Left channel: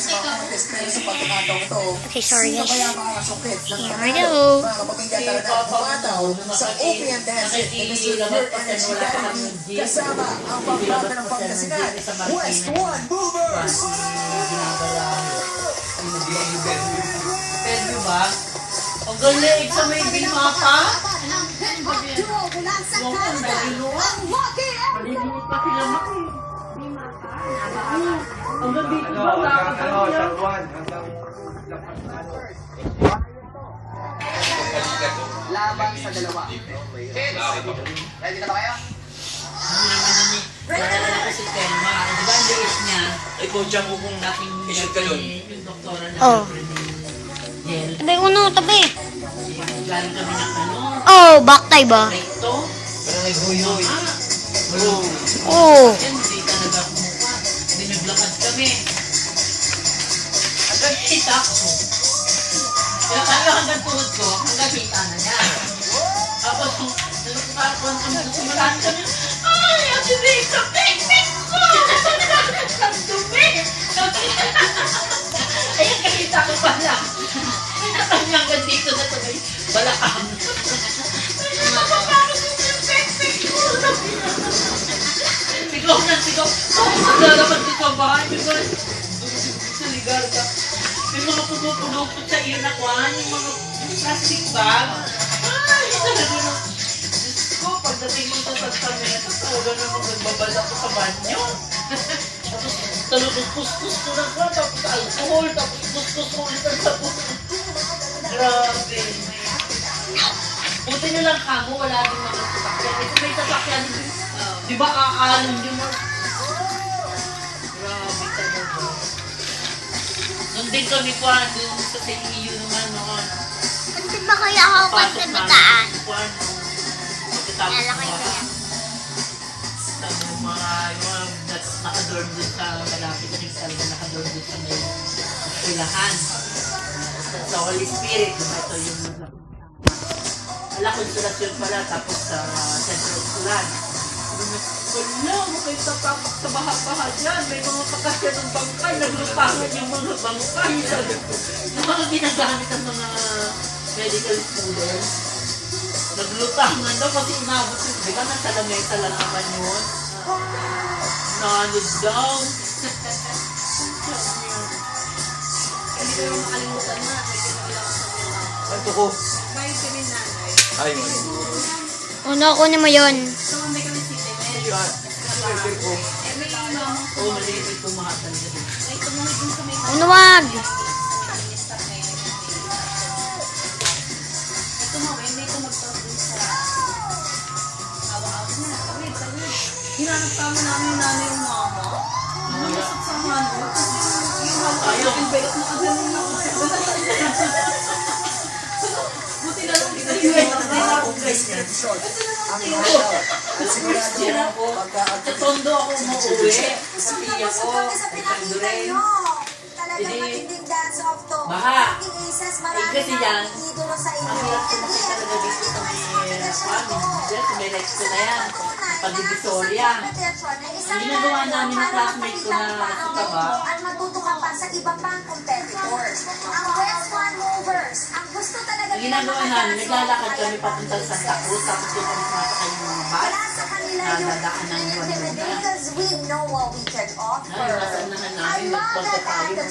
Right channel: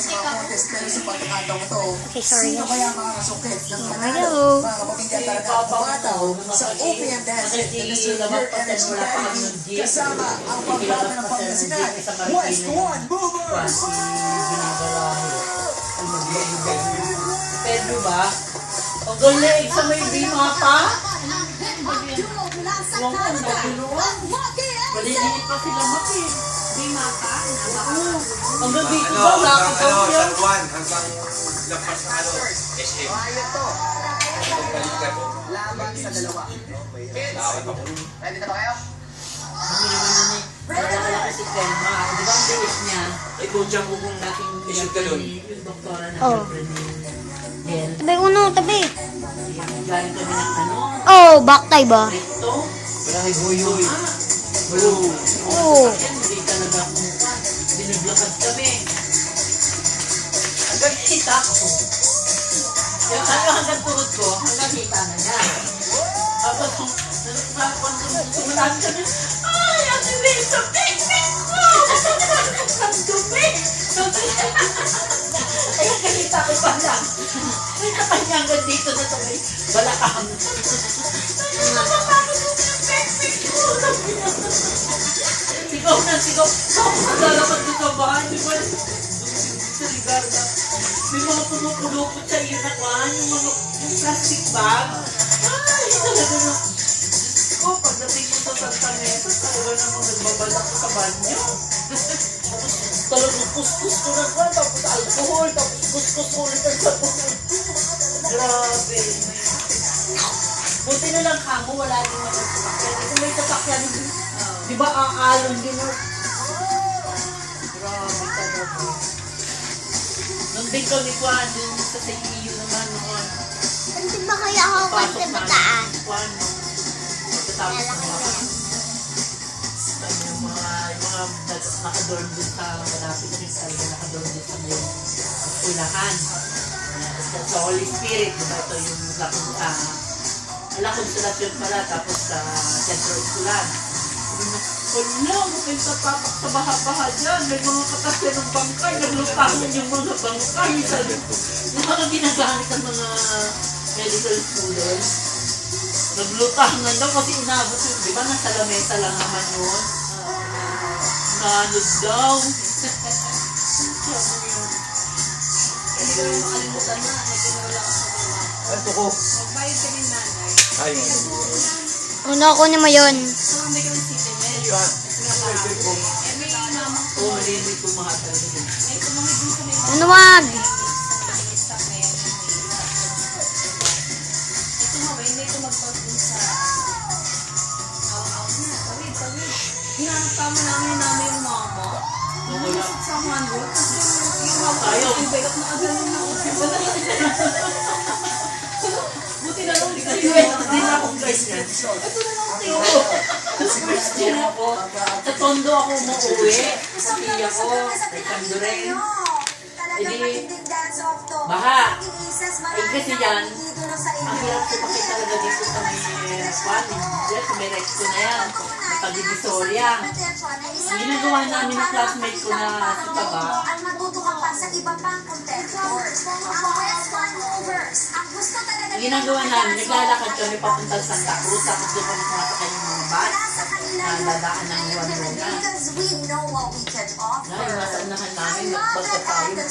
sa mga contest, pero sa pagkakataong ito, Okay, sorry sino guys. kaya mga kasukit ng Here we go. mga kapamilya talaga at bumataw sa Opian Dance ni Mr. Work Energy Diary kasama ang pambata ng Pangasinan, West One Movers! Pwede ba? Pag galing sa may bima pa, huwag kang nagiluan. Maliliit pa sila maki. Bima pa, ang gabi ko ba, nakakagaw yan? Laban sa dalawa. Ready na ba kayo? Ano naman yun eh. Padala ko si Telma. Di ba ang liit niya? Ikaw dyan ko kung dating yung doktora na Oh. Del. Tabi uno, tabi. Galing kami ng ano? Oh, baktay ba? Recto. Parang ibuyoy. Oh. Yan, hindi talaga kumuha. Binaglakad kami. Hanggang kita ko. Yung hanggang tuhod ko, hanggang kita na niya. Tapos, nalukpakuan kami sa simulan kami. Ay, ang dilig sa technique ko! Ang dumi! Ay, kakita ko pala. May nakanya hanggang dito na sabay. Balaan. Ay, napapakot ko yung technique ko! Sigaw na sigaw. Naglalaman ko sa bahay. May mga sa ligar na. May mga pumupulupot sa iyo na kwan. Yung mga plastic bag. Ay, talaga na. Diyos ko, pagdating mo sa Santa Mesa, talaga namang nagbabala ko sa banyo. Tapos talagang kuskus ko na ka. Tapos alcohol. Tapos kuskus ko ulit ang sabon. Grabe. Buti na lang kamo, wala din mga sasakyan. Eh, kung may sasakyan, di ba aalam nyo mo? Grabe talaga. Nung din kami ko, doon sa CEU naman, mga Hindi ba kaya ako magkabitaan? kwan. Pagkatapos Lalaki ko yan. yung mga nakadorm din sa malapit na yung talaga nakadorm din sa may eskwelahan. Sa Holy Spirit, diba ito yung La Consolacion pala, tapos sa Central Eskulan. Wala, may tatapos sa baha-baha dyan. May mga kakasya ng bangkay. Naglutangan yung mga bangkay. Sabi ko, yung mga ginagamit ng mga medical students. Naglutangan daw kasi inabot yun. Di ba nasa lamesa lang naman yun? Nanod daw. Hindi ko yung makalimutan na. May kinula ko sa mga. Ito ko. Magbayad ka rin nanay. Ayun. Uno, kunin mo yun. So, may kami sila. May mama ko. Oo, maliliit ko mga talaga din. Ay, tumawid din sa may Uno, wag. tumawid, may tumagpapin sa awa-awa na. Tawid. Hinanap ka mo namin yung mama. Nalusot sa handle. Yung mama, yung bayot na agalan na. Buti na lang, hindi na ako Christian. Ang idol at sigurado Sa tondo ako umuwi. Sa tiya ko, kay Kanduray. Talagang matinding dance off to. Baha. Maging aces, Eh marami kasi yan, idolo sa ang inyo. hirap ko kasi talaga dito sa may may recto na yan. Pag-Divisoria. Ang ginagawa namin ng classmate ko na sa Taba, At matuto ka pa sa iba pang competitors. Ang West One Movers, ang gusto talaga ang ginagawa namin, naglalakad kami papunta sa Santa Cruz, tapos doon kami sumasakay ng mga bus. Wala sa kanila yung Nadadaan ng intimidate because we know what we can offer. Nasa unahan I namin, love that magpapagpapagod.